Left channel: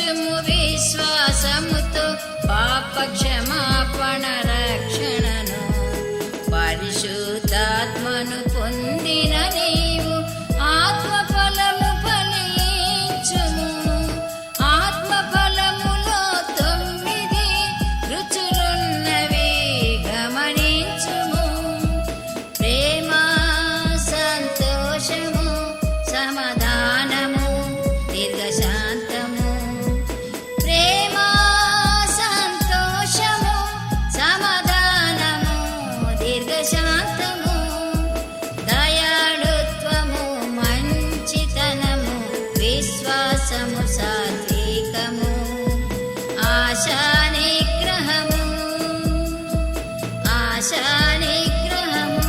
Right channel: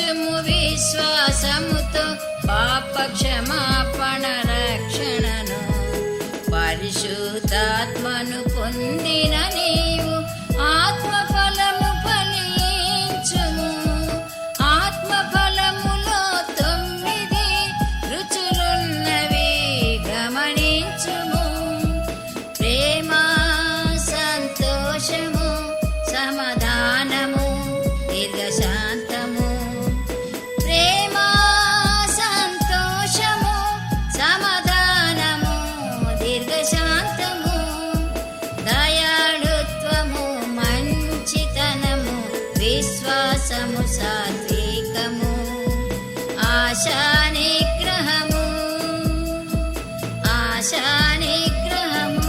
ఉంచుము విశ్వాసముతో పాప క్షమాపణ రక్షణను. పరిశుద్ధాత్మను పొందిన నీవు ఆత్మఫలము ఫలించుము. ఆత్మఫలములో 9 రుచులున్నవి గమనించుము. ప్రేమ, సంతోషము, సమాధానము, దీర్ఘశాంతము. ప్రేమ, సంతోషము, సమాధానము, దీర్ఘశాంతము. దయాళుత్వము, మంచితనము, విశ్వాసము, సాత్వికము. ఆశానిగ్రహము, ఆశానిగ్రహము.